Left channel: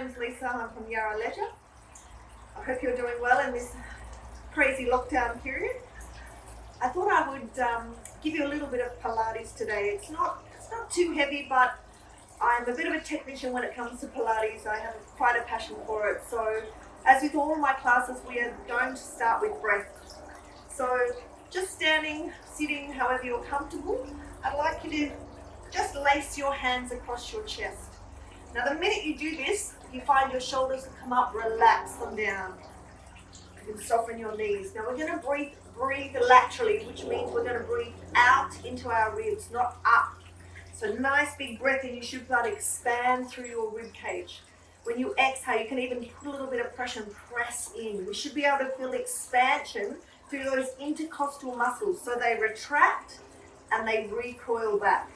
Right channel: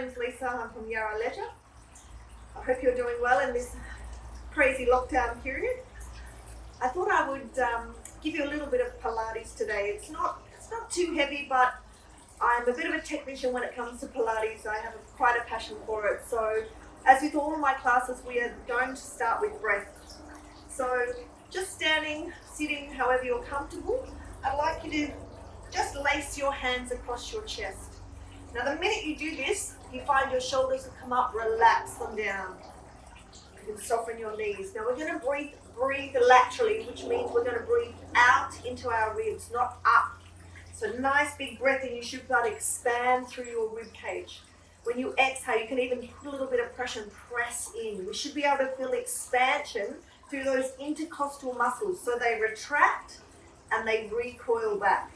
name's Lisa. I'm from Yarra. I hope you're doing well in this crazy lockdown period. I thought I would give you a little bit of Pilates today. It's not too heavy, but I'm a bit of a technician when it comes to Pilates. I have quite a passion for it. So as with all of my classes, we are going to start with breath. So just standing, sitting, however you're comfortable, I'd like you to just lace your hands across your chest. Now the minute you do this, you find your shoulders will come up, relax them down. You can soften your knees. Now we're going to breathe laterally, which means we're going to breathe out into our ribs, not up. So nice big breath in, you should be able to expand through your rib cage. When you exhale, you can even put a little bit of pressure and press in. We should be able to feel expansion through those intercostal muscles. So they retract and they recoil back.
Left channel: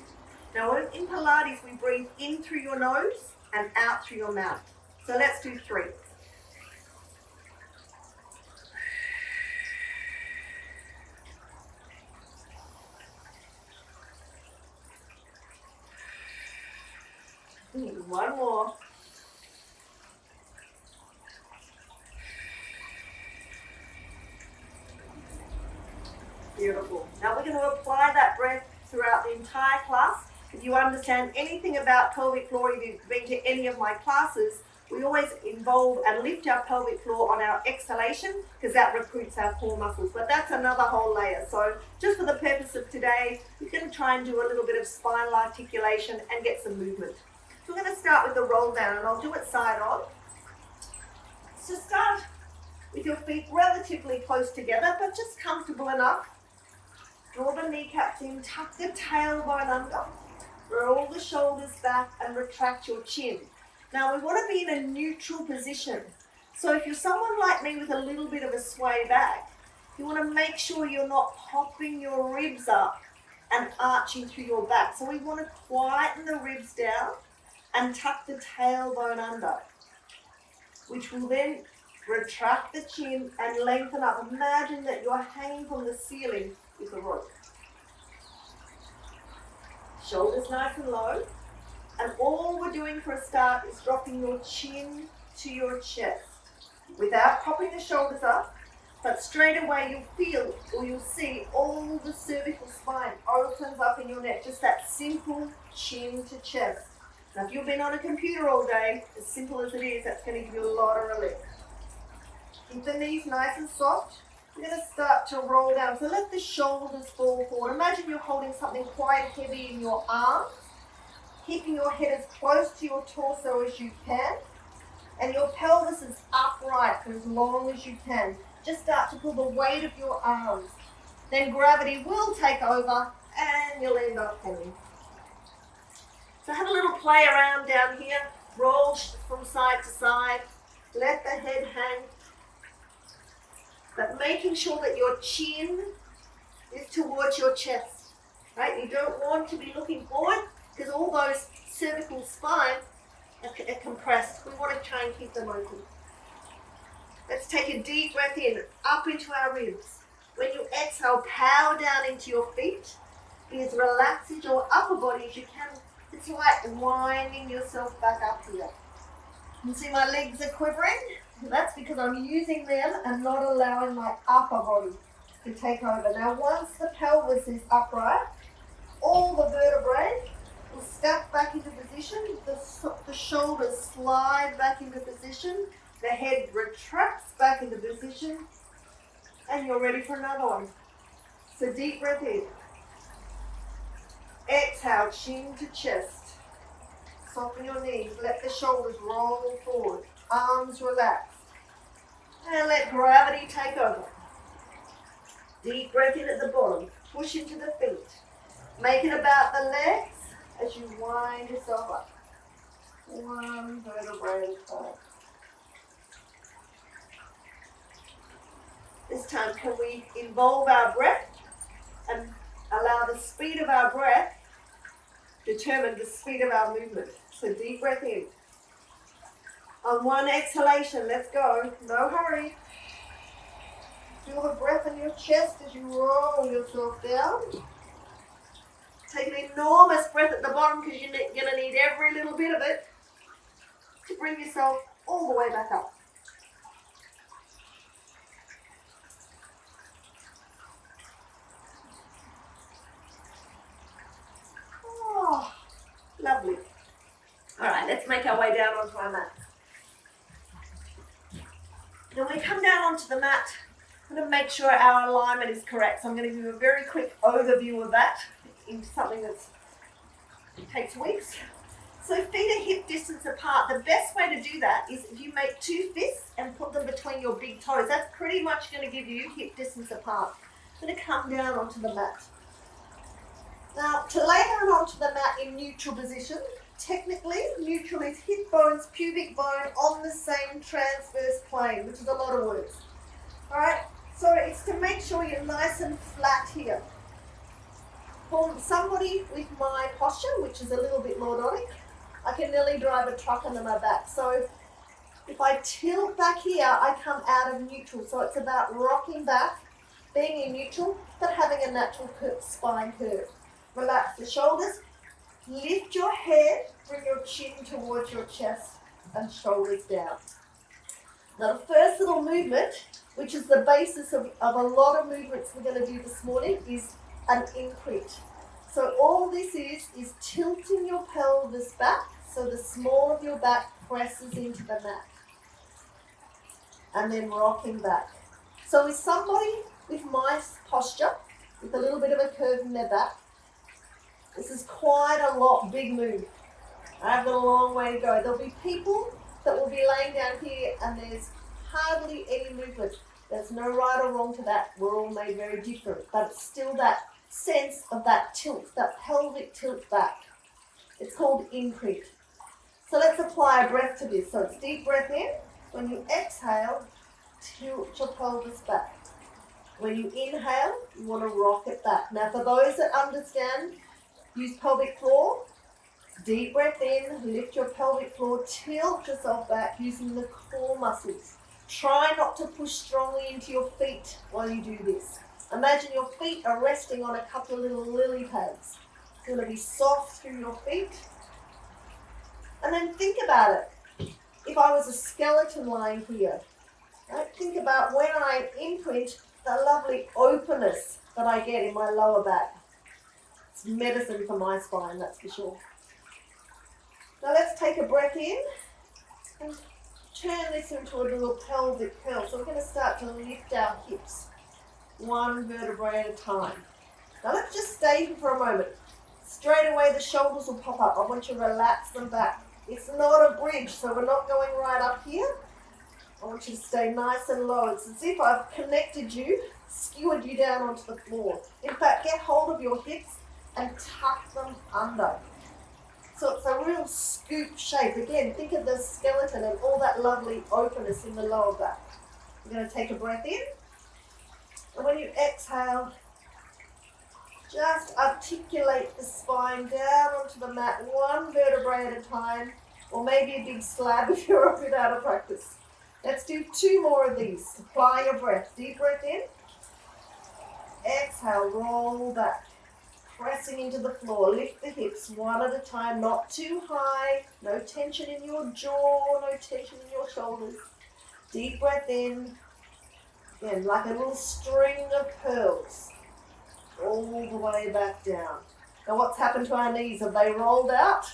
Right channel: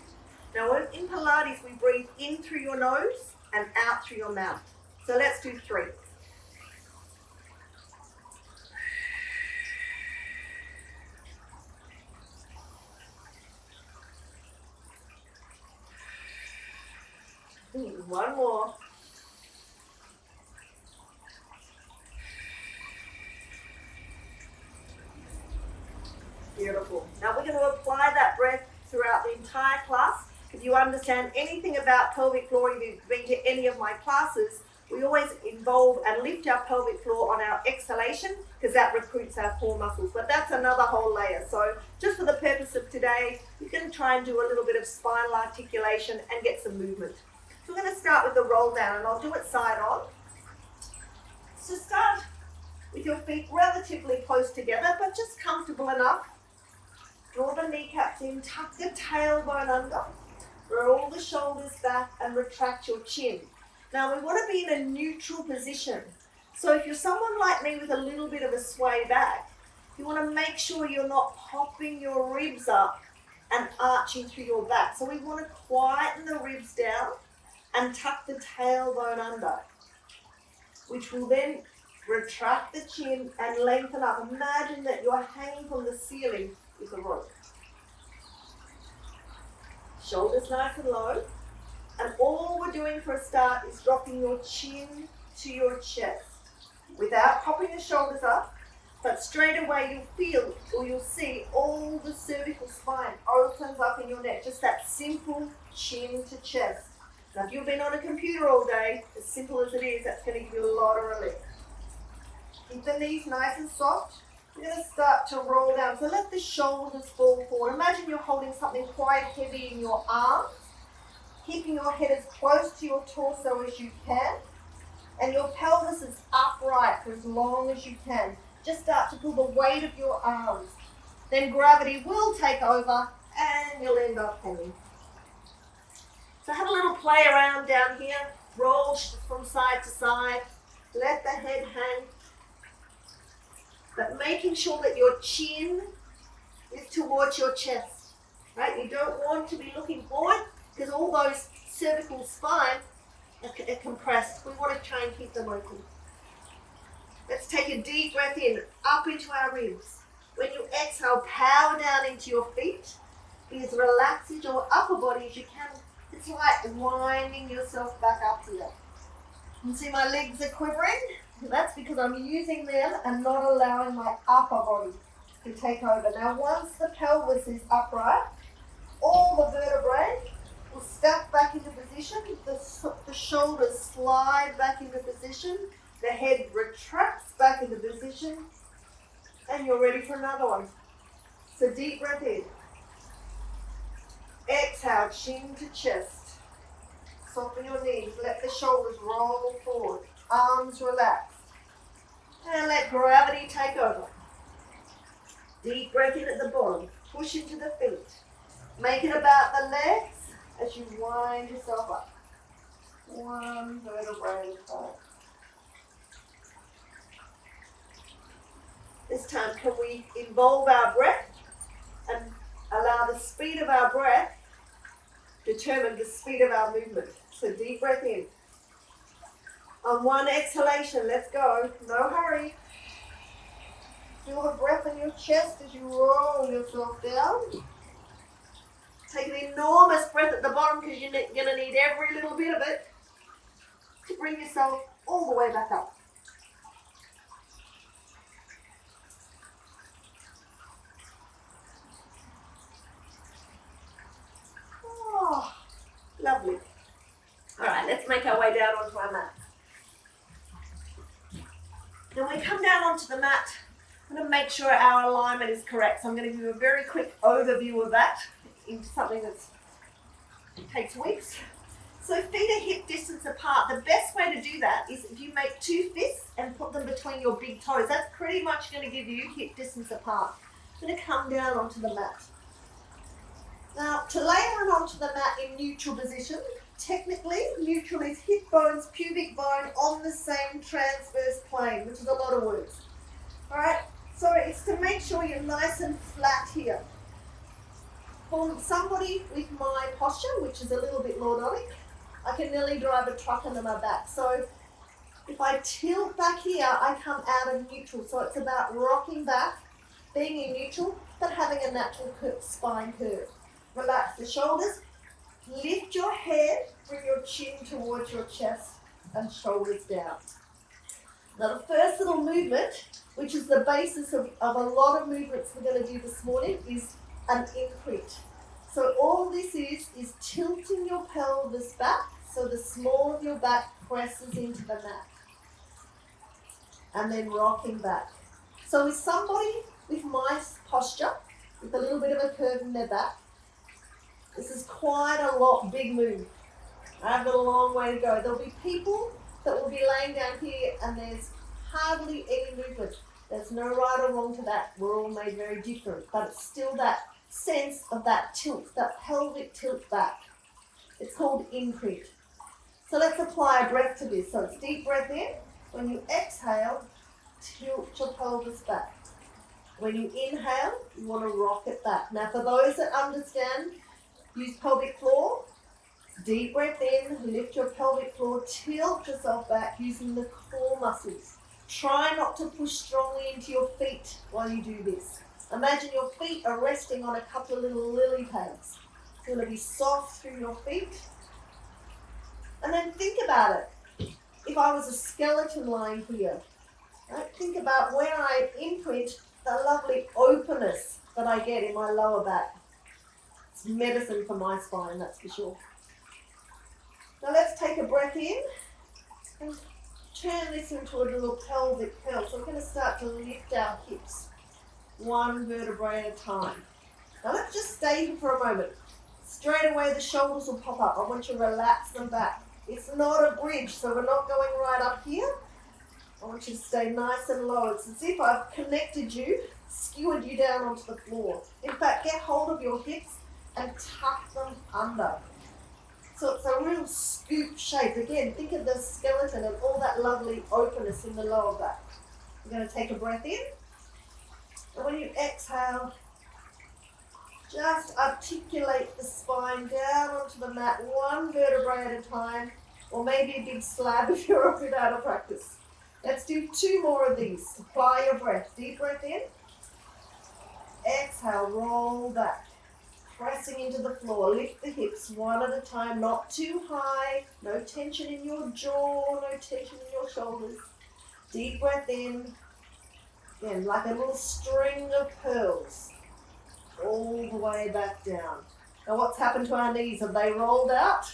Now in Pilates, we breathe in through your nose and out through your mouth. So let's do 3. One more. Beautiful. Now we're going to apply that breath throughout the entire class. If you understand anything about pelvic floor, if you've been to any of my classes, we always involve and lift our pelvic floor on our exhalation because that recruits our core muscles. But that's another whole layer. So just for the purpose of today, we're going to try and do a little bit of spinal articulation and get some movement. So we're going to start with the roll down, and I'll do it side on. So start with your feet relatively close together, but just comfortable enough. Draw the kneecaps in, tuck the tailbone under, roll the shoulders back and retract your chin. Now we want to be in a neutral position. So if you're someone like me with a little bit of a sway back, you want to make sure you're not popping your ribs up and arching through your back. So we want to quieten the ribs down and tuck the tailbone under, which will then retract the chin and lengthen up. Imagine that you're hanging from the ceiling with a rope. Shoulders nice and low. And all we're doing for a start is dropping your chin to your chest without popping the shoulders up, but straight away you'll feel or you'll see all the cervical spine opens up in your neck. Just that simple chin to chest. Now if you've been on a computer all day, as simple as it is, that's going to give you a lot of relief. Keep the knees nice and soft. We're going to start to roll down. So let the shoulders fall forward. Imagine you're holding something quite heavy in your arms, keeping your head as close to your torso as you can, and your pelvis is upright for as long as you can. Just start to pull the weight of your arms. Then gravity will take over and you'll end up hanging. So have a little play around down here. Roll from side to side. Let the head hang. But making sure that your chin is towards your chest. Right? You don't want to be looking forward because all those cervical spine are compressed. We want to try and keep them open. Let's take a deep breath in, up into our ribs. When you exhale, power down into your feet. Be as relaxed as your upper body as you can. It's like winding yourself back up here. You can see my legs are quivering. That's because I'm using them and not allowing my upper body to take over. Now once the pelvis is upright, all the vertebrae will stack back into position. The shoulders slide back into position. The head retracts back into position. And you're ready for another one. So deep breath in. Exhale, chin to chest. Soften your knees. Let the shoulders roll forward. Arms relax. And let gravity take over. Deep breath in at the bottom. Push into the feet. Make it about the legs as you wind yourself up. One vertebrae at a time. This time, can we involve our breath and allow the speed of our breath determine the speed of our movement? So deep breath in. On one exhalation, let's go. No hurry. Feel the breath in your chest as you roll yourself down. Take an enormous breath at the bottom because you're going to need every little bit of it. to bring yourself all the way back up. Oh, lovely. All right, let's make our way down onto our mat. When we come down onto the mat, I'm going to make sure our alignment is correct. So I'm going to give you a very quick overview of that into something that takes weeks. So feet are hip distance apart. The best way to do that is if you make two fists and put them between your big toes. That's pretty much going to give you hip distance apart. I'm going to come down onto the mat. Now, to lay down onto the mat in neutral position, technically, neutral is hip bones, pubic bone on the same transverse plane, which is a lot of words. All right, so it's to make sure you're nice and flat here. For somebody with my posture, which is a little bit lordotic, I can nearly drive a truck under my back. So if I tilt back here, I come out of neutral. So it's about rocking back, being in neutral, but having a natural spine curve. Relax the shoulders, lift your head, bring your chin towards your chest and shoulders down. Now the first little movement, which is the basis of a lot of movements we're going to do this morning, is an imprint. So all this is tilting your pelvis back so the small of your back presses into the mat. And then rocking back. So with somebody with my posture, with a little bit of a curve in their back, this is quite a big move. I have got a long way to go. There'll be people that will be laying down here and there's hardly any movement. There's no right or wrong to that. We're all made very different, but it's still that sense of that tilt, that pelvic tilt back. It's called imprint. So let's apply a breath to this. So it's deep breath in. When you exhale, tilt your pelvis back. When you inhale, you want to rock it back. Now for those that understand, use pelvic floor. Deep breath in, lift your pelvic floor, tilt yourself back using the core muscles. Try not to push strongly into your feet while you do this. Imagine your feet are resting on a couple of little lily pads. It's going to be soft through your feet. And then think about it. If I was a skeleton lying here, right? Think about when I imprint the lovely openness that I get in my lower back. It's medicine for my spine, that's for sure. Now let's take a breath in and turn this into a little pelvic curl. So we're going to start to lift our hips one vertebrae at a time. Now let's just stay here for a moment. Straight away the shoulders will pop up. I want you to relax them back. It's not a bridge, so we're not going right up here. I want you to stay nice and low. It's as if I've connected you, skewered you down onto the floor. In fact, get hold of your hips and tuck them under. So it's a real scoop shape. Again, think of the skeleton and all that lovely openness in the lower back. We're going to take a breath in. And when you exhale, just articulate the spine down onto the mat, one vertebrae at a time, or maybe a big slab if you're a bit out of practice. Let's do 2 more of these. Apply your breath. Deep breath in. Exhale, roll back. Pressing into the floor. Lift the hips one at a time, not too high. No tension in your jaw, no tension in your shoulders. Deep breath in. Again, like a little string of pearls. All the way back down. Now what's happened to our knees? Have they rolled out?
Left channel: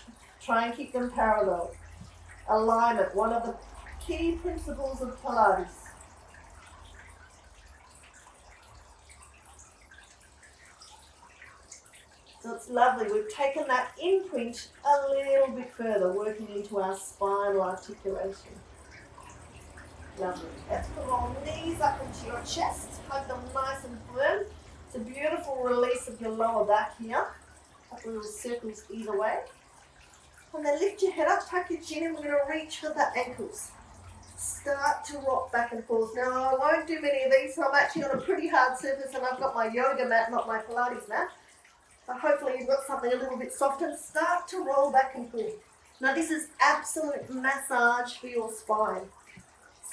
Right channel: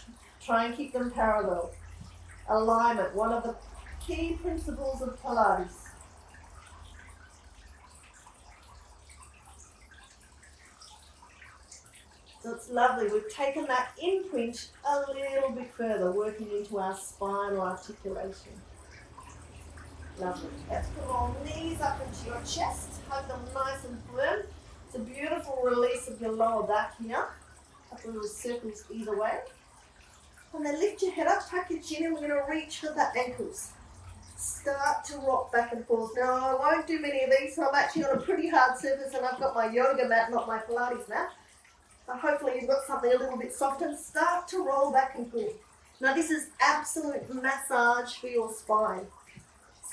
Try and keep them parallel. Alignment, one of the key principles of Pilates. So it's lovely. We've taken that imprint a little bit further, working into our spinal articulation. Lovely. Let's put our knees up into your chest. Hug them nice and firm. It's a beautiful release of your lower back here. Couple little circles either way. And then lift your head up, tuck your chin, and we're going to reach for the ankles. Start to rock back and forth. Now, I won't do many of these, so I'm actually on a pretty hard surface, and I've got my yoga mat, not my Pilates mat. So hopefully you've got something a little bit soft, and start to roll back and forth. Now, this is absolute massage for your spine.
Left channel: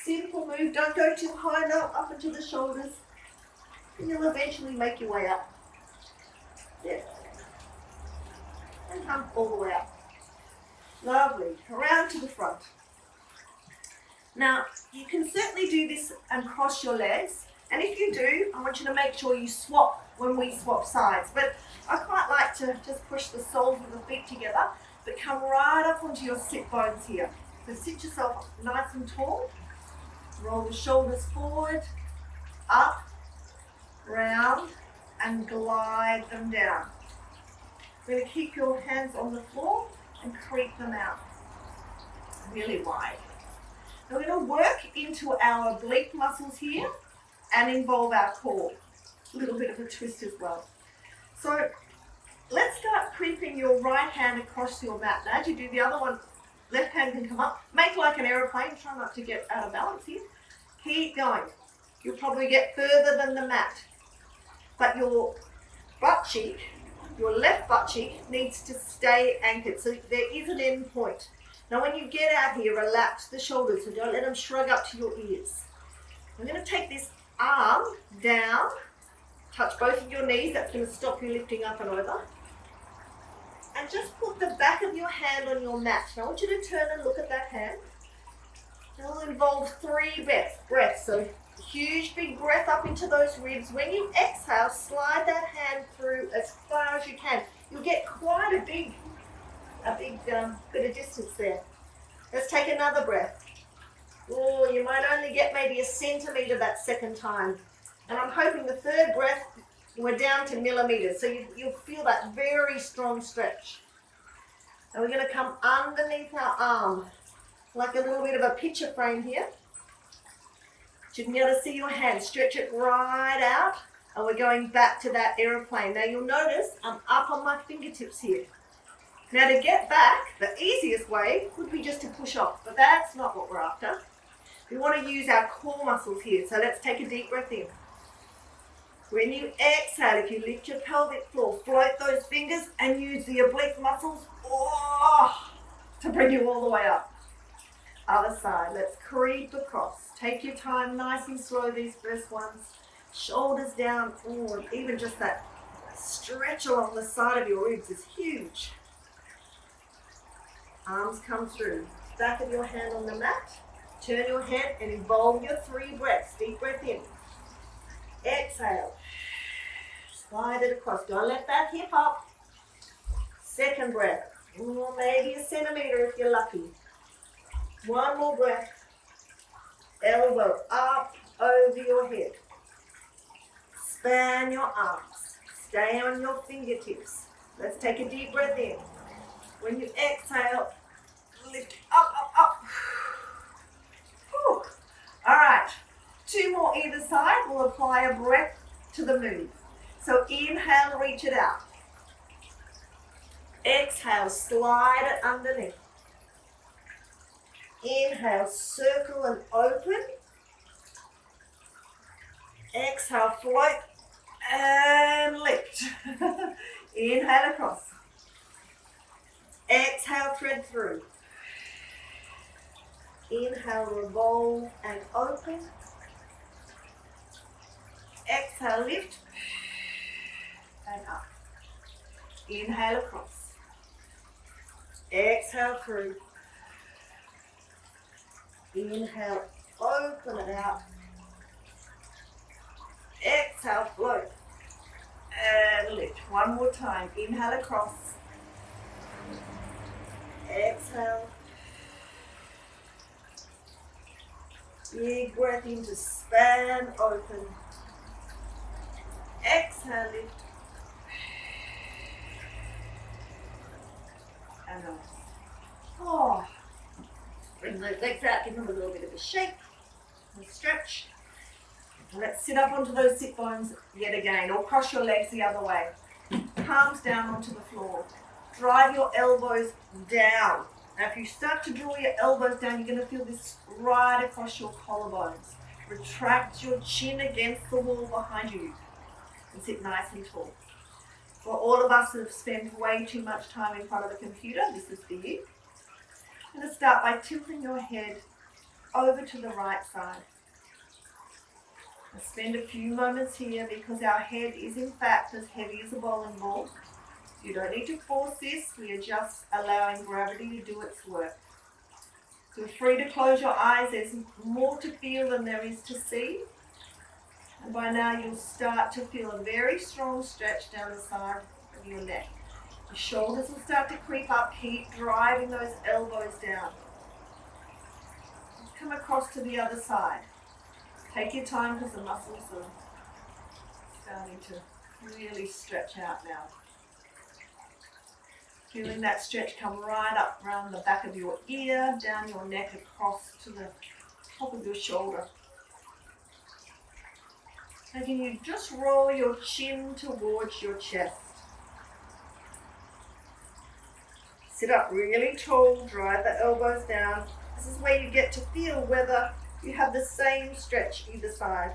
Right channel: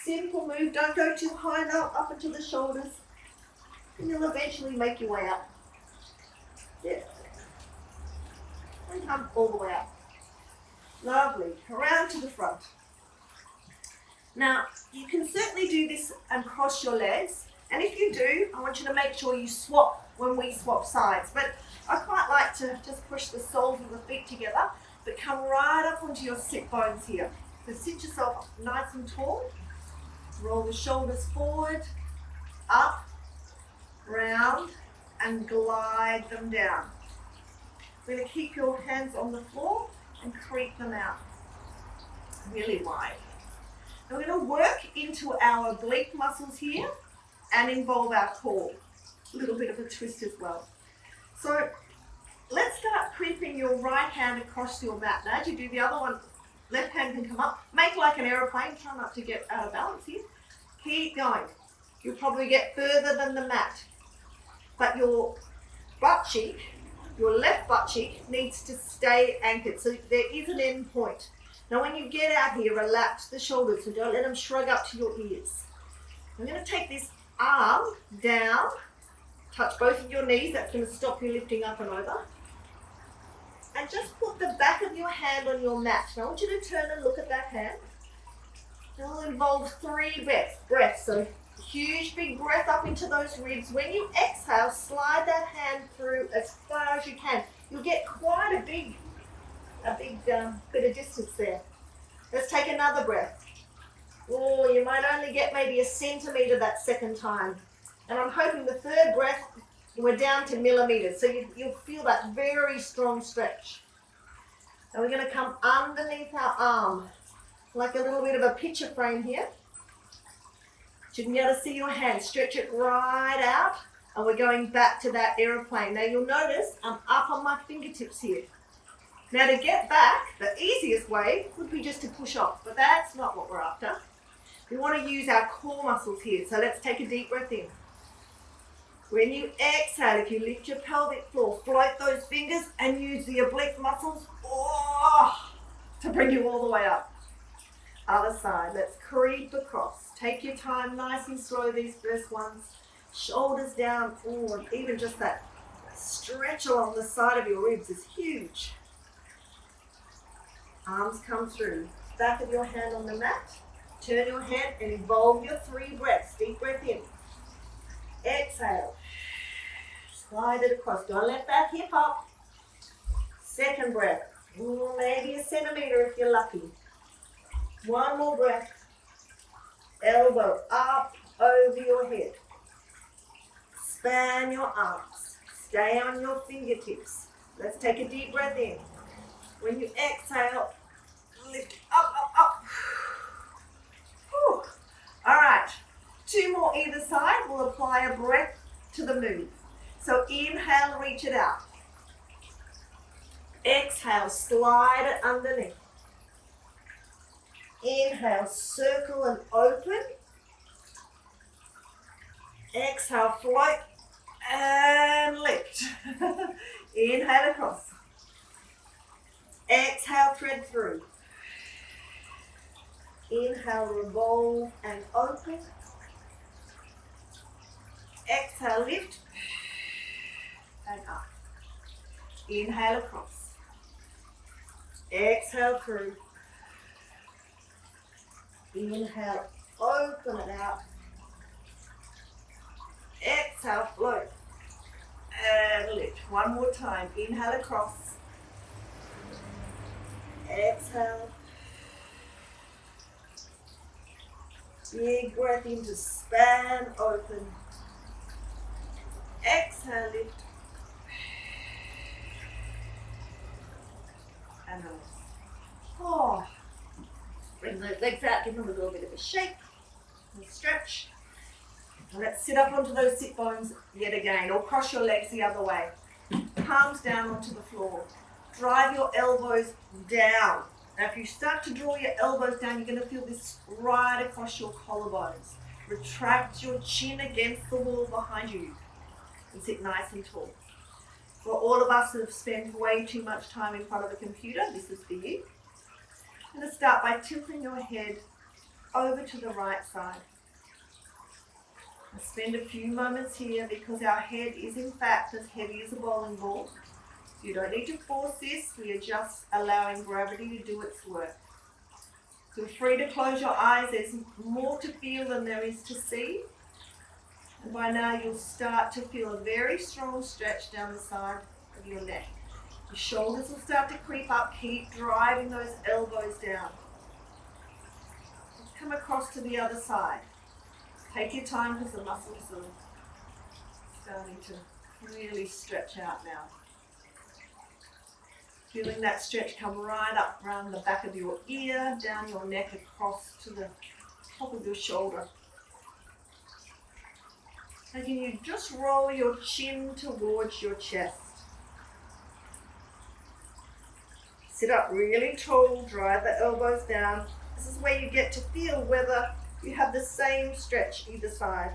Simple move. Don't go too high now, up into the shoulders. And you'll eventually make your way up. Yeah. And come all the way up. Lovely. Around to the front. Now, you can certainly do this and cross your legs. And if you do, I want you to make sure you swap when we swap sides. But I quite like to just push the soles of the feet together, but come right up onto your sit bones here. So sit yourself nice and tall. Roll the shoulders forward, up, round, and glide them down. We're going to keep your hands on the floor and creep them out really wide. And we're going to work into our oblique muscles here and involve our core. A little bit of a twist as well. So let's start creeping your right hand across your mat. Now as you do, the other one, left hand can come up. Make like an aeroplane. Try not to get out of balance here. Keep going. You'll probably get further than the mat. But your butt cheek, your left butt cheek, needs to stay anchored. So there is an end point. Now when you get out here, relax the shoulders. So don't let them shrug up to your ears. I'm going to take this arm down, touch both of your knees. That's going to stop you lifting up and over. And just put the back of your hand on your mat. Now I want you to turn and look at that hand. It will involve 3 breaths. So huge big breath up into those ribs. When you exhale, slide that hand through as far as you can. You'll get quite a big bit of distance there. Let's take another breath. Oh, you might only get maybe a centimetre that second time. And I'm hoping the third breath, we're down to millimetres. So you'll feel that very strong stretch. And we're going to come underneath our arm, like a little bit of a picture frame here. You can be able to see your hand. Stretch it right out. And we're going back to that aeroplane. Now you'll notice I'm up on my fingertips here. Now to get back, the easiest way would be just to push off. But that's not what we're after. We want to use our core muscles here. So let's take a deep breath in. When you exhale, if you lift your pelvic floor, float those fingers and use the oblique muscles to bring you all the way up. Other side, let's creep across. Take your time, nice and slow, these first ones. Shoulders down, and even just that stretch along the side of your ribs is huge. Arms come through. Back of your hand on the mat. Turn your head and involve your 3 breaths. Deep breath in. Exhale. Slide it across. Don't let that hip up. Second breath. Maybe a centimetre if you're lucky. One more breath. Elbow up over your head. Span your arms. Stay on your fingertips. Let's take a deep breath in. When you exhale, lift up, up, up. Whew. All right, 2 more either side. We'll apply a breath to the move. So inhale, reach it out. Exhale, slide it underneath. Inhale, circle and open. Exhale, float and lift. Inhale across. Exhale, thread through. Inhale, revolve and open. Exhale, lift and up. Inhale across. Exhale through. Inhale, open it out. Exhale, float and lift. One more time. Inhale across. Exhale. Big breath in to span open. Exhale, lift. And release. Oh. Bring those legs out, give them a little bit of a shake and stretch. And let's sit up onto those sit bones yet again, or cross your legs the other way. Palms down onto the floor. Drive your elbows down. Now if you start to draw your elbows down, you're going to feel this right across your collarbones. Retract your chin against the wall behind you and sit nice and tall. For all of us that have spent way too much time in front of a computer, this is for you. I'm going to start by tilting your head over to the right side. I'll spend a few moments here because our head is in fact as heavy as a bowling ball. You don't need to force this, we are just allowing gravity to do its work. Feel free to close your eyes. There's more to feel than there is to see. And by now you'll start to feel a very strong stretch down the side of your neck. Your shoulders will start to creep up. Keep driving those elbows down. Come across to the other side. Take your time because the muscles are starting to really stretch out now. Feeling that stretch come right up around the back of your ear, down your neck, across to the top of your shoulder. And can you just roll your chin towards your chest? Sit up really tall, drive the elbows down. This is where you get to feel whether you have the same stretch either side.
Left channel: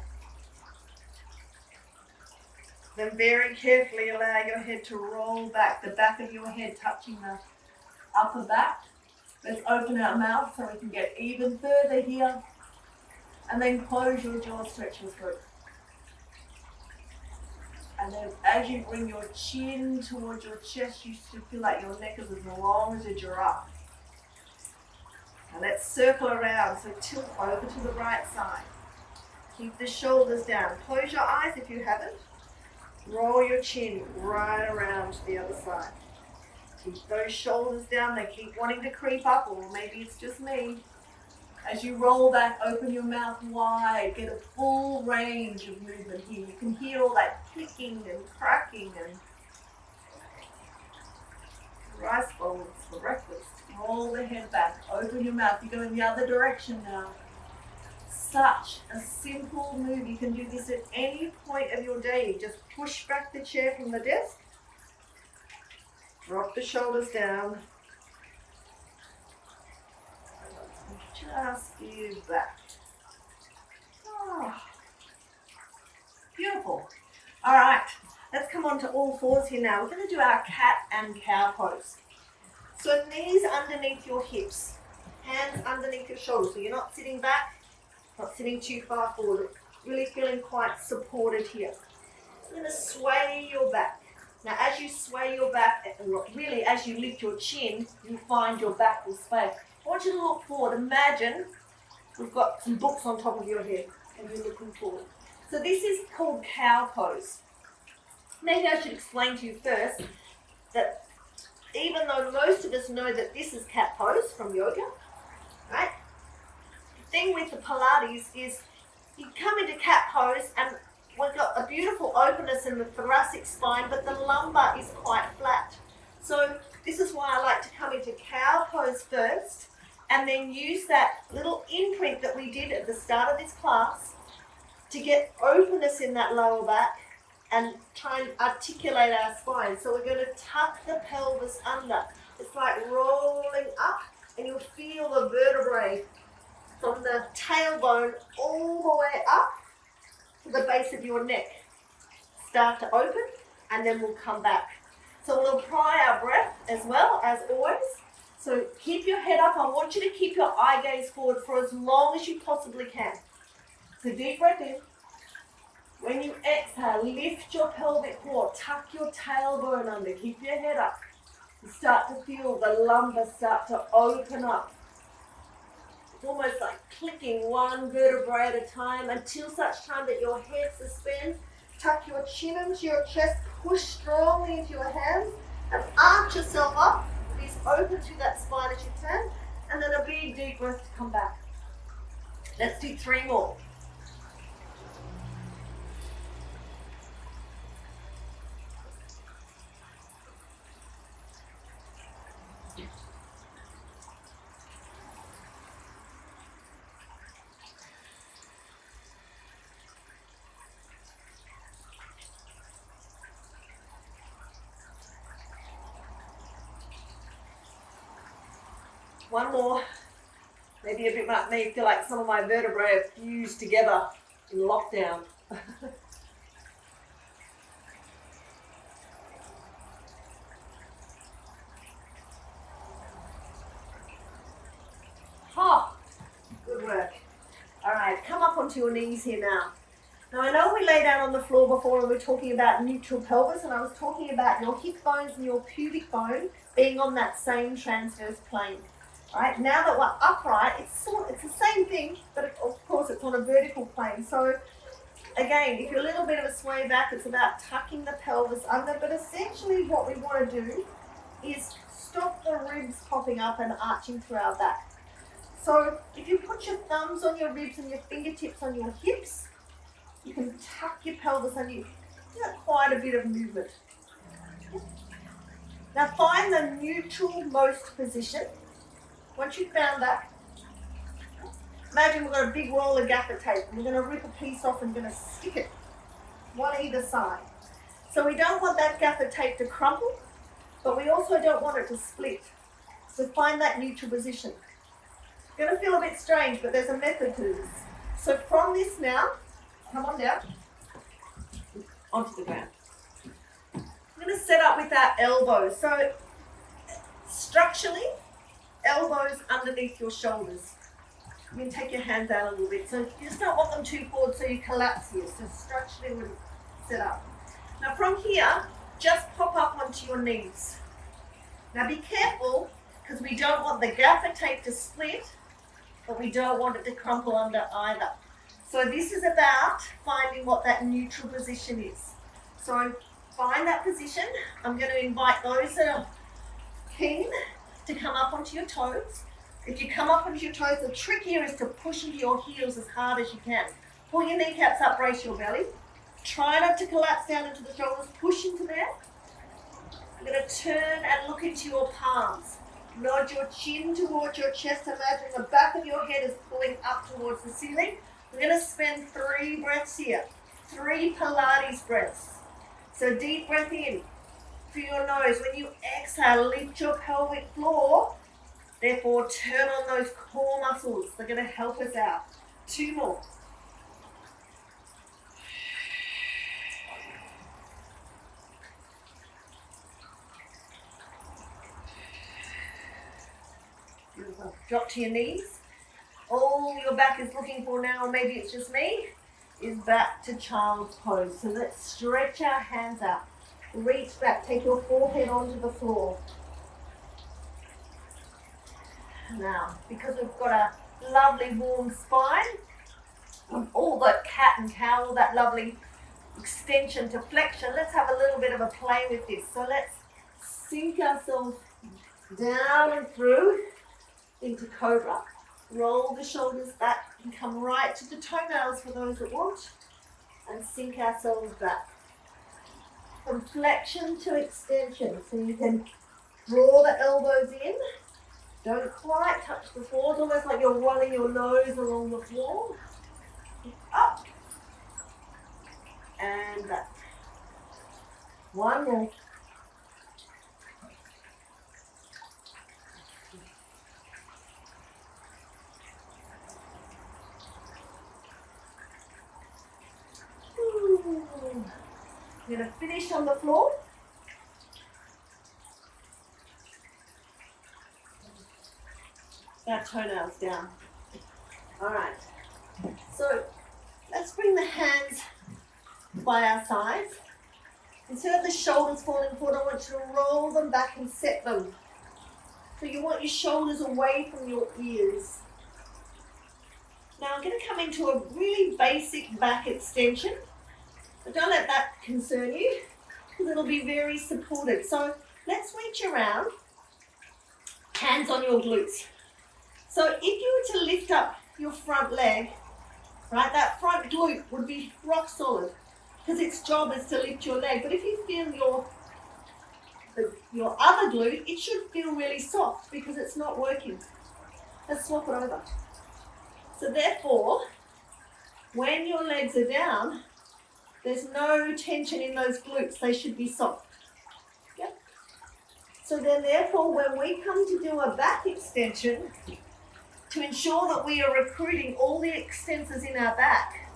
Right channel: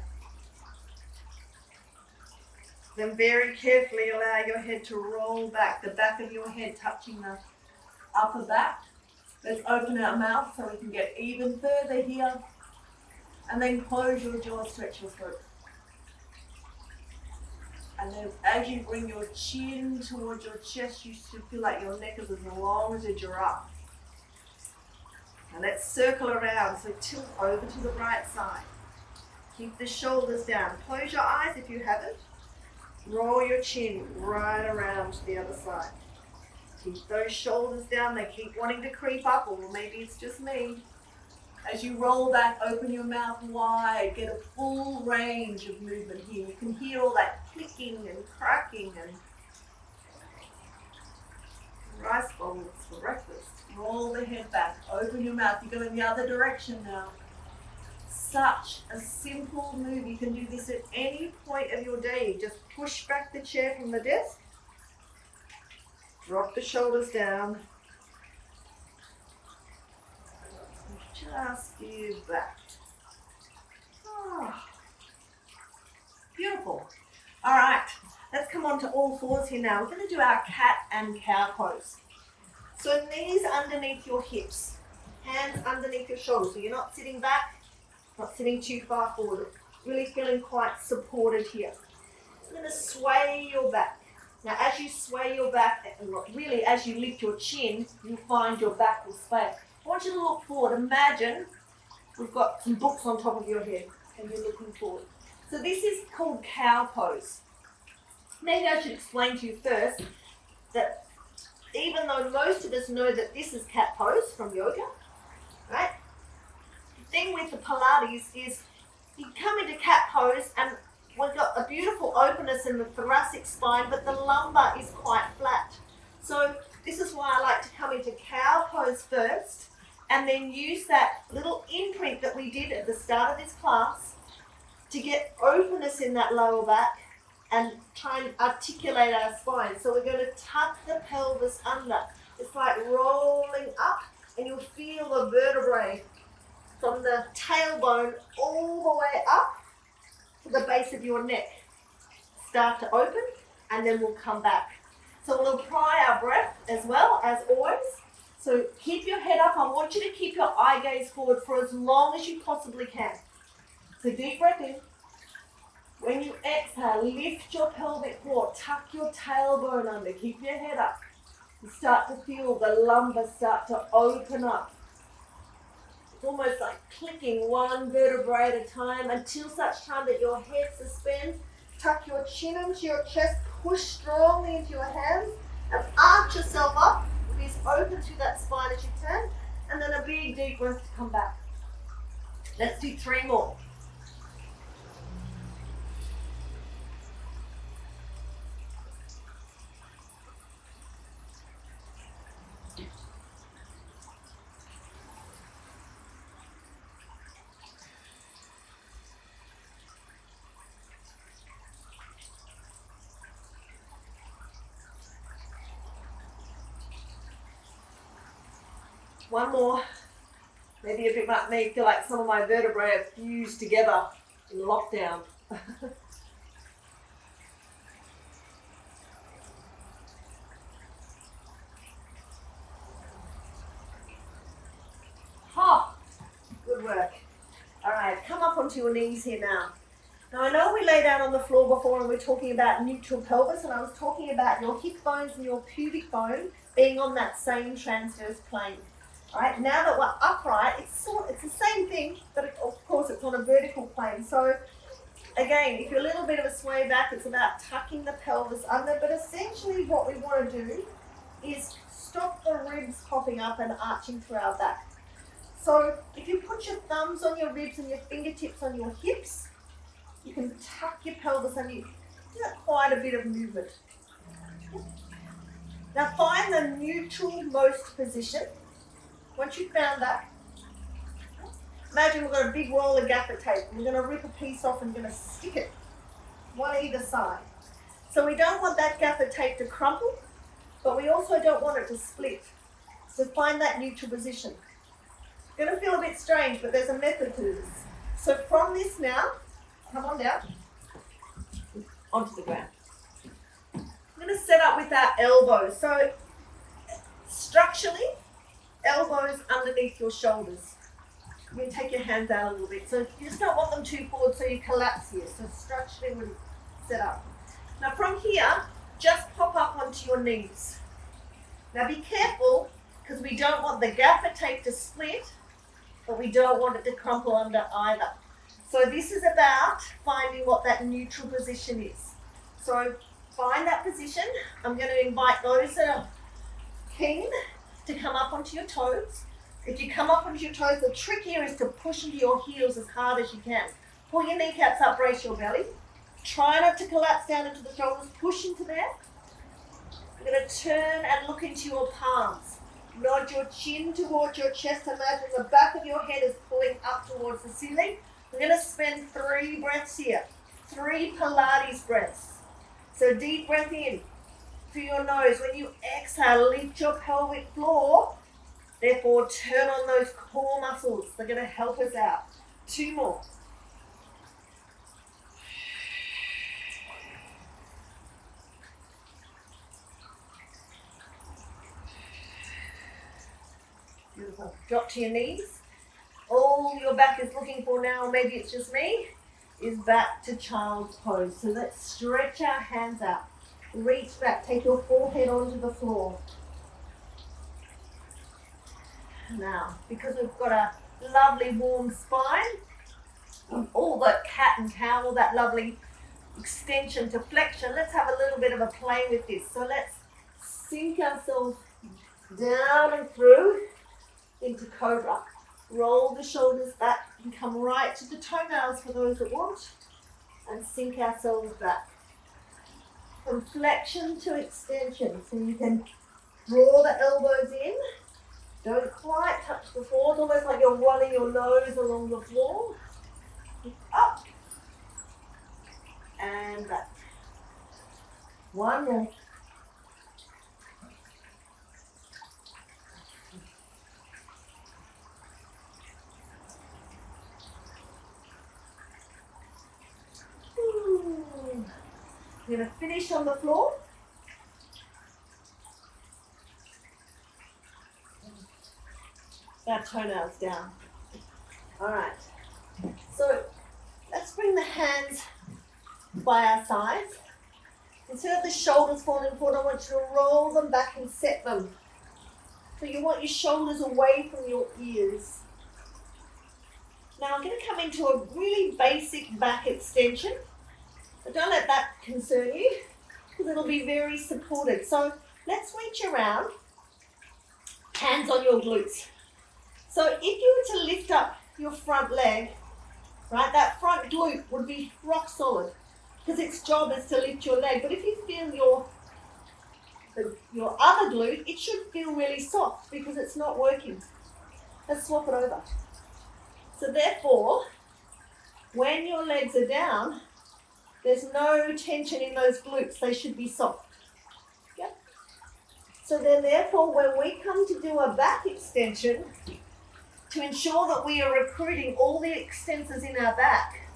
Then very carefully allow your head to roll back, the back of your head touching the upper back. Let's open our mouth so we can get even further here. And then close your jaw, stretch your throat. And then as you bring your chin towards your chest, you should feel like your neck is as long as a giraffe. And let's circle around, so tilt over to the right side. Keep the shoulders down. Close your eyes if you haven't. Roll your chin right around to the other side. Keep those shoulders down. They keep wanting to creep up, or maybe it's just me. As you roll back, open your mouth wide. Get a full range of movement here. You can hear all that clicking and cracking and rice bowls for breakfast. Roll the head back. Open your mouth. You go in the other direction now. Such a simple move. You can do this at any point of your day. Just push back the chair from the desk. Drop the shoulders down. Just give back. Oh, beautiful. All right, let's come on to all fours here now. We're going to do our cat and cow pose. So knees underneath your hips, hands underneath your shoulders. So you're not sitting back, not sitting too far forward. Really feeling quite supported here. You're going to sway your back. Now as you sway your back, and really as you lift your chin, you find your back will sway. I want you to look forward. Imagine we've got some books on top of your head and you're looking forward. So this is called cow pose. Maybe I should explain to you first that even though most of us know that this is cat pose from yoga, right? The thing with the Pilates is you come into cat pose and we've got a beautiful openness in the thoracic spine, but the lumbar is quite flat. So this is why I like to come into cow pose first and then use that little imprint that we did at the start of this class to get openness in that lower back and try and articulate our spine. So we're going to tuck the pelvis under. It's like rolling up, and you'll feel the vertebrae from the tailbone all the way up to the base of your neck start to open, and then we'll come back. So we'll apply our breath as well, as always. So keep your head up. I want you to keep your eye gaze forward for as long as you possibly can. So deep breath in. When you exhale, lift your pelvic floor. Tuck your tailbone under. Keep your head up. You start to feel the lumbar start to open up. It's almost like clicking one vertebrae at a time until such time that your head suspends. Tuck your chin into your chest. Push strongly into your hands and arch yourself up. Be as open to that spine as you can. And then a big deep breath to come back. Let's do 3 more. One more. Maybe a bit may feel like some of my vertebrae are fused together in lockdown. Oh, good work. All right, come up onto your knees here now. Now I know we lay down on the floor before and we're talking about neutral pelvis, and I was talking about your hip bones and your pubic bone being on that same transverse plane. All right, now that we're upright, it's the same thing, but of course it's on a vertical plane. So again, if you're a little bit of a sway back, it's about tucking the pelvis under, but essentially what we want to do is stop the ribs popping up and arching through our back. So if you put your thumbs on your ribs and your fingertips on your hips, you can tuck your pelvis and you get quite a bit of movement. Now find the neutral most position. Once you've found that, imagine we've got a big roll of gaffer tape and we're going to rip a piece off and we're going to stick it one either side. So we don't want that gaffer tape to crumple, but we also don't want it to split. So find that neutral position. It's going to feel a bit strange, but there's a method to this. So from this now, come on down, onto the ground. I'm going to set up with our elbows. So structurally, elbows underneath your shoulders. You can take your hands out a little bit. So you just don't want them too forward so you collapse here. So structurally we're set up. Now from here, just pop up onto your knees. Now be careful because we don't want the gaffer tape to split, but we don't want it to crumple under either. So this is about finding what that neutral position is. So find that position. I'm going to invite those that are keen to come up onto your toes. If you come up onto your toes, the trick here is to push into your heels as hard as you can. Pull your kneecaps up, brace your belly. Try not to collapse down into the shoulders, push into there. You're going to turn and look into your palms. Nod your chin towards your chest. Imagine the back of your head is pulling up towards the ceiling. We're going to spend 3 breaths here. 3 Pilates breaths. So deep breath in through your nose. When you exhale, lift your pelvic floor. Therefore, turn on those core muscles. They're going to help us out. 2 more. Beautiful. Drop to your knees. All your back is looking for now, maybe it's just me, is back to child's pose. So let's stretch our hands out. Reach back. Take your forehead onto the floor. Now, because we've got a lovely warm spine, all that cat and cow, that lovely extension to flexion, let's have a little bit of a play with this. So let's sink ourselves down and through into cobra. Roll the shoulders back and come right to the toenails for those that want, and sink ourselves back. From flexion to extension, so you can draw the elbows in. Don't quite touch the floor. It's almost like you're running your nose along the floor. Up and back. 1 more. We're going to finish on the floor. Our toenails down. All right. So let's bring the hands by our sides. Instead of the shoulders falling forward, I want you to roll them back and set them. So you want your shoulders away from your ears. Now I'm going to come into a really basic back extension. But don't let that concern you because it'll be very supported. So let's reach around, hands on your glutes. So if you were to lift up your front leg, right, that front glute would be rock solid because its job is to lift your leg. But if you feel your other glute, it should feel really soft because it's not working. Let's swap it over. So therefore, when your legs are down, there's no tension in those glutes. They should be soft. Yep. So then therefore, when we come to do a back extension, to ensure that we are recruiting all the extensors in our back,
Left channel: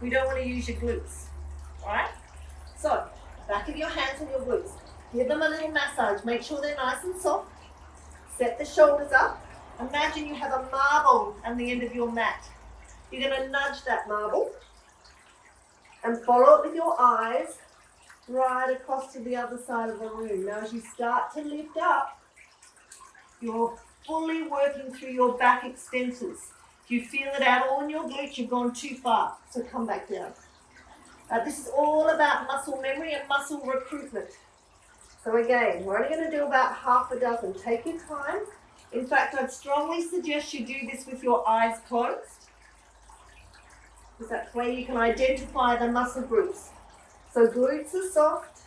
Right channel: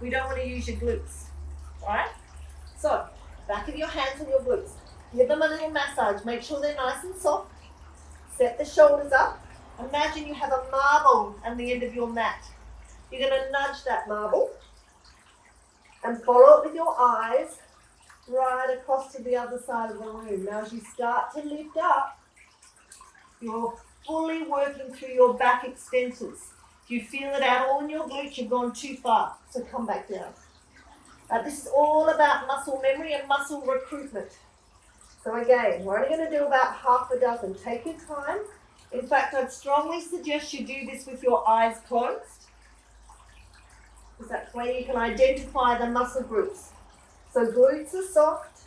we don't want to use your glutes. All right? So, back of your hands on your glutes. Give them a little massage. Make sure they're nice and soft. Set the shoulders up. Imagine you have a marble at the end of your mat. You're going to nudge that marble and follow it with your eyes right across to the other side of the room. Now, as you start to lift up, your fully working through your back extensors. If you feel it out all in your glutes, you've gone too far. So come back down. This is all about muscle memory and muscle recruitment. So again, we're only going to do about half a dozen. Take your time. In fact, I'd strongly suggest you do this with your eyes closed, because that's where you can identify the muscle groups. So glutes are soft,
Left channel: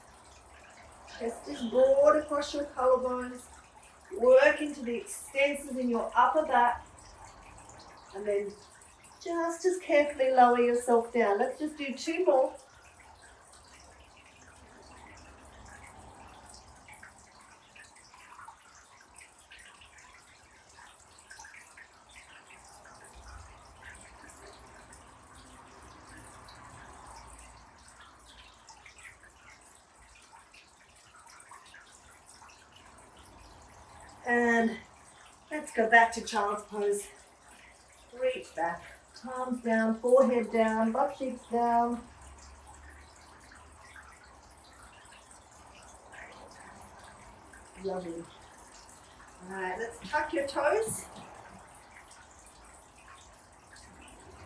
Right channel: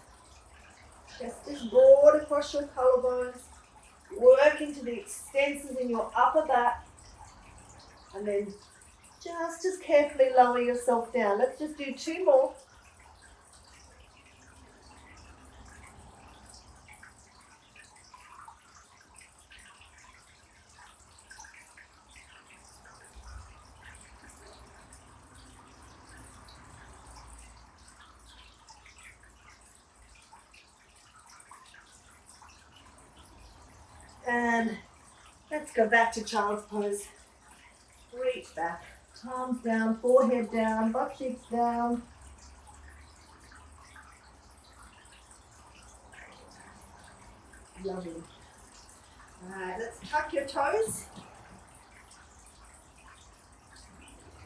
chest is broad across your collarbones, work into the extensors in your upper back, and then just as carefully lower yourself down. Let's just do 2 more. And let's go back to child's pose. Reach back, palms down, forehead down, butt cheeks down. Lovely. All right, let's tuck your toes.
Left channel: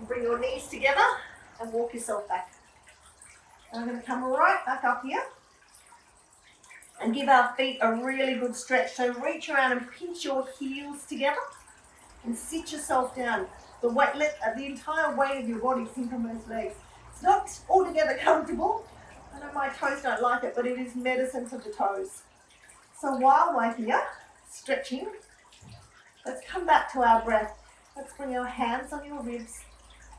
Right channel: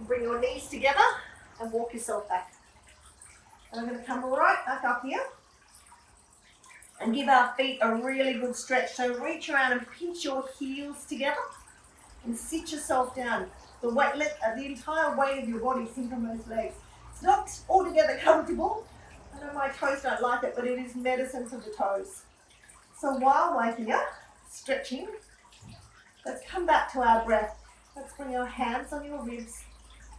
Bring your knees together and walk yourself back. And I'm going to come right back up here and give our feet a really good stretch. So reach around and pinch your heels together and sit yourself down. The entire weight of your body sink on those legs. It's not altogether comfortable. I know my toes don't like it, but it is medicine for the toes. So while we're here, stretching, let's come back to our breath. Let's bring our hands on your ribs.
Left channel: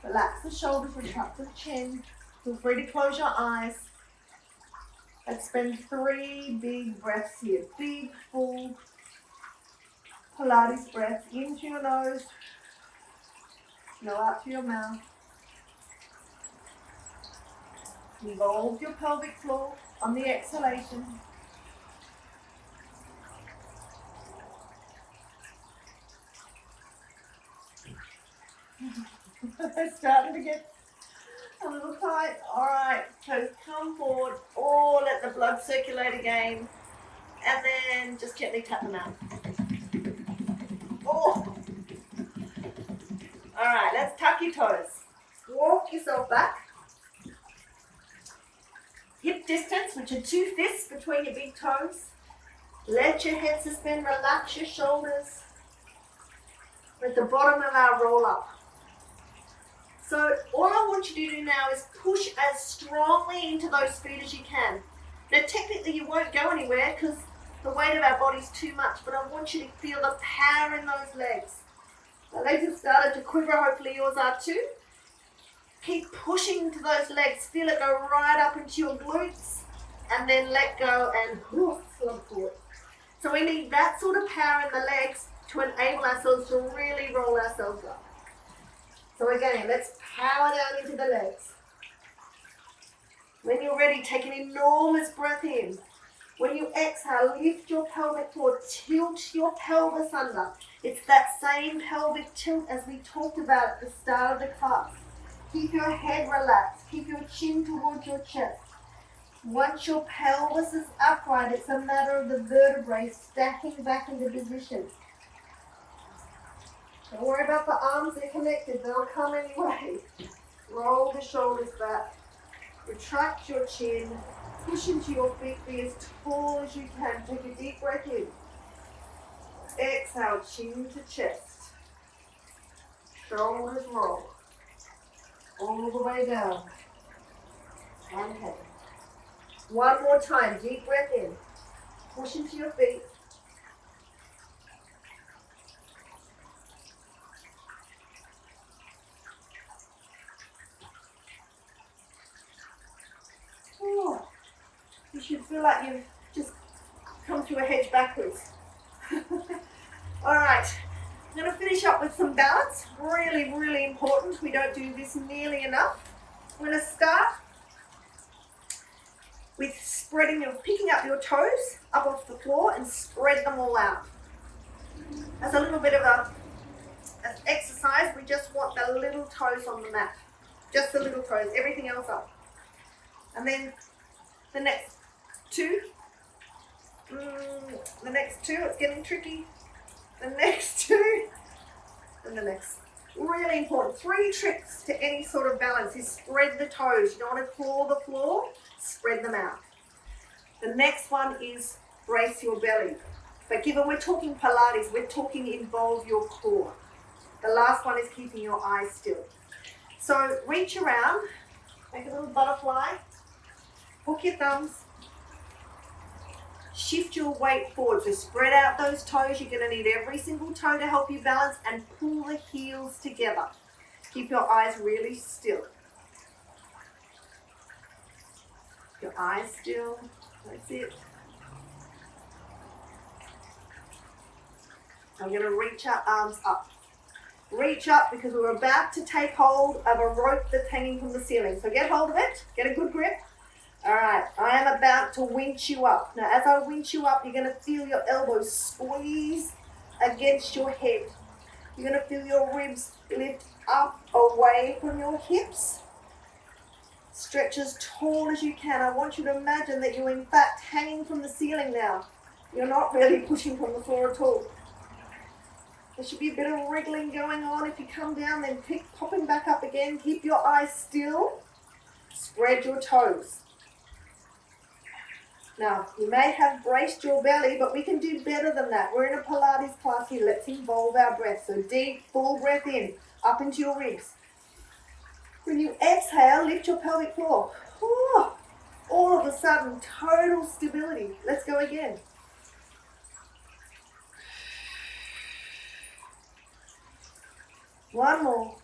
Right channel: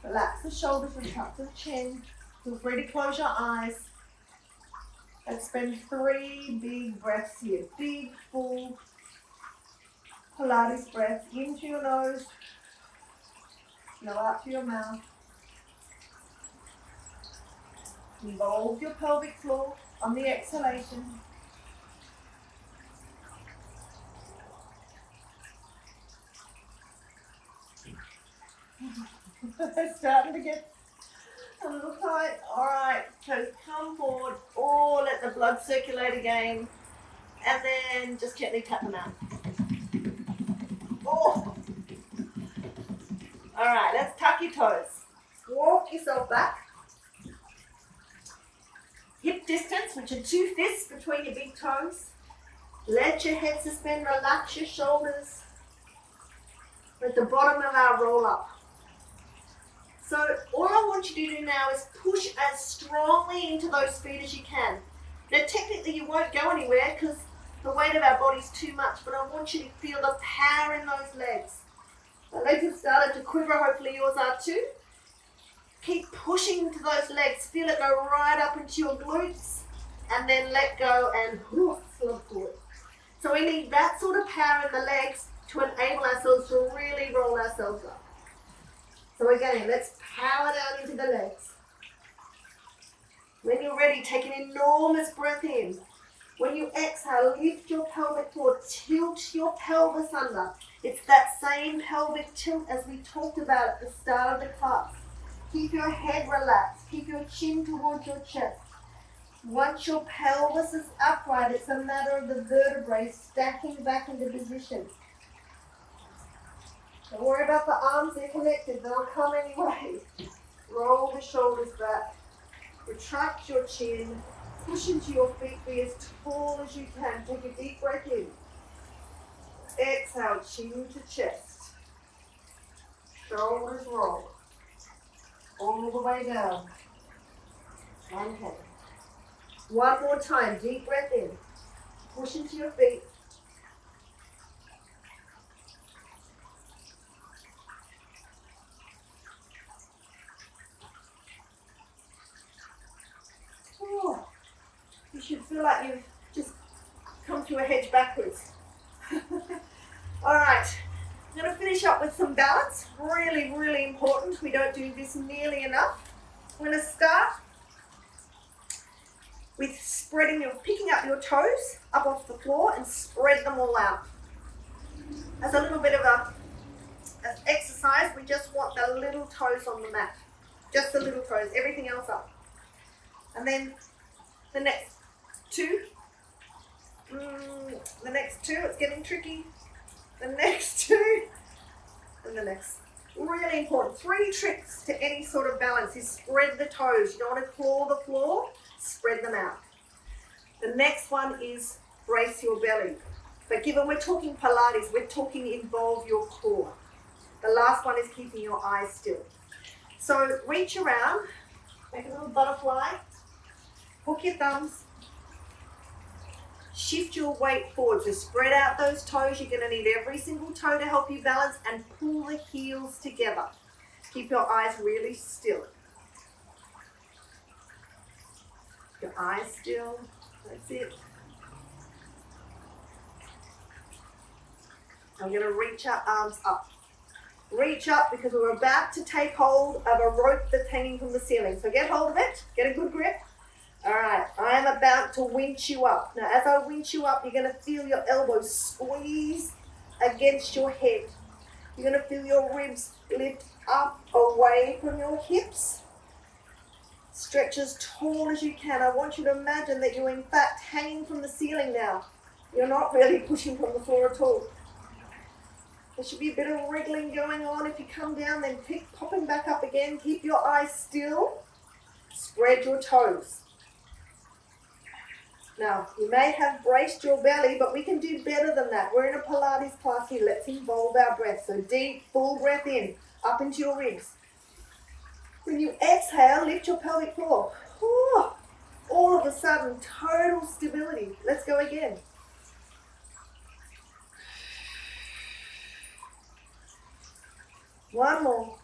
Relax the shoulders, retract the chin. Feel free to close your eyes. Let's spend 3 big breaths here. Big, full Pilates breath. In through your nose. Go out through your mouth. Involve your pelvic floor on the exhalation. Starting to get a little tight. All right, so come forward, or let the blood circulate again, and then just gently tap them out. Oh. All right, let's tuck your toes. Walk yourself back. Hip distance, which are 2 fists between your big toes. Let your head suspend, relax your shoulders. We're at the bottom of our roll up. So all I want you to do now is push as strongly into those feet as you can. Now technically you won't go anywhere because the weight of our body is too much, but I want you to feel the power in those legs. The legs have started to quiver, hopefully yours are too. Keep pushing into those legs, feel it go right up into your glutes, and then let go and slump forward. So we need that sort of power in the legs to enable ourselves to really roll ourselves up. So again, let's power down into the legs. When you're ready, take an enormous breath in. When you exhale, lift your pelvic floor, tilt your pelvis under. It's that same pelvic tilt as we talked about at the start of the class. Keep your head relaxed, keep your chin towards your chest. Once your pelvis is upright, it's a matter of the vertebrae stacking back into position. Don't worry about the arms, they're connected, they'll come anyway. Roll the shoulders back, retract your chin, push into your feet, be as tall as you can. Take a deep breath in. Exhale, chin to chest. Shoulders roll. All the way down. And head. One more time, deep breath in. Push into your feet. You should feel like you've just come through a hedge backwards. All right, I'm going to finish up with some balance. Really, really important. We don't do this nearly enough. We're going to start with picking up your toes up off the floor and spread them all out. As a little bit of an exercise, we just want the little toes on the mat. Just the little toes, everything else up. And then the next two, it's getting tricky. the next 2, and the next. Really important. 3 tricks to any sort of balance is spread the toes. You don't want to claw the floor, spread them out. The next one is brace your belly. But given we're talking Pilates, we're talking involve your core. The last one is keeping your eyes still. So reach around, make a little butterfly, hook your thumbs, shift your weight forward. So spread out those toes. You're going to need every single toe to help you balance, and pull the heels together. Keep your eyes really still. Your eyes still. That's it. I'm going to reach our arms up. Reach up because we're about to take hold of a rope that's hanging from the ceiling. So get hold of it. Get a good grip. All right, I am about to winch you up. Now, as I winch you up, you're going to feel your elbows squeeze against your head. You're going to feel your ribs lift up away from your hips. Stretch as tall as you can. I want you to imagine that you're in fact hanging from the ceiling now. You're not really pushing from the floor at all. There should be a bit of wriggling going on. If you come down, then keep popping back up again. Keep your eyes still. Spread your toes. Now, you may have braced your belly, but we can do better than that. We're in a Pilates class here. Let's involve our breath. So deep, full breath in, up into your ribs. When you exhale, lift your pelvic floor. All of a sudden, total stability. Let's go again. One more.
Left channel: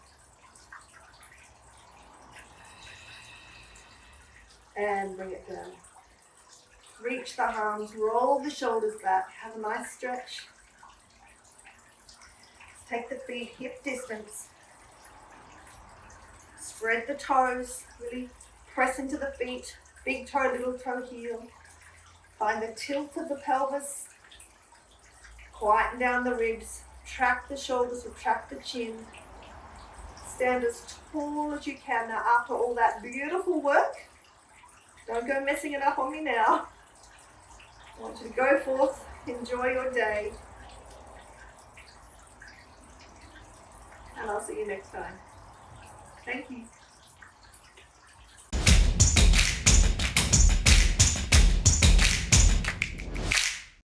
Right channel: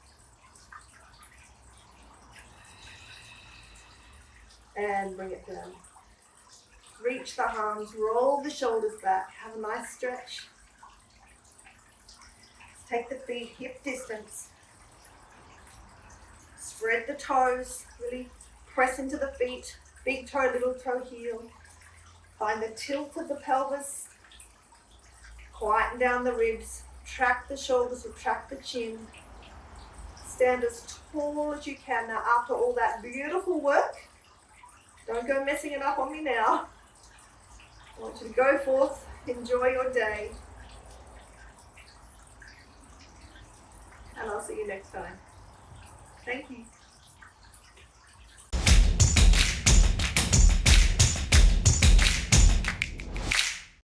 And bring it down. Reach the arms, roll the shoulders back, have a nice stretch. Take the feet hip distance. Spread the toes, really press into the feet, big toe, little toe heel. Find the tilt of the pelvis, quieten down the ribs, track the shoulders, retract the chin. Stand as tall as you can. Now, after all that beautiful work, don't go messing it up on me now. I want you to go forth, enjoy your day, and I'll see you next time. Thank you.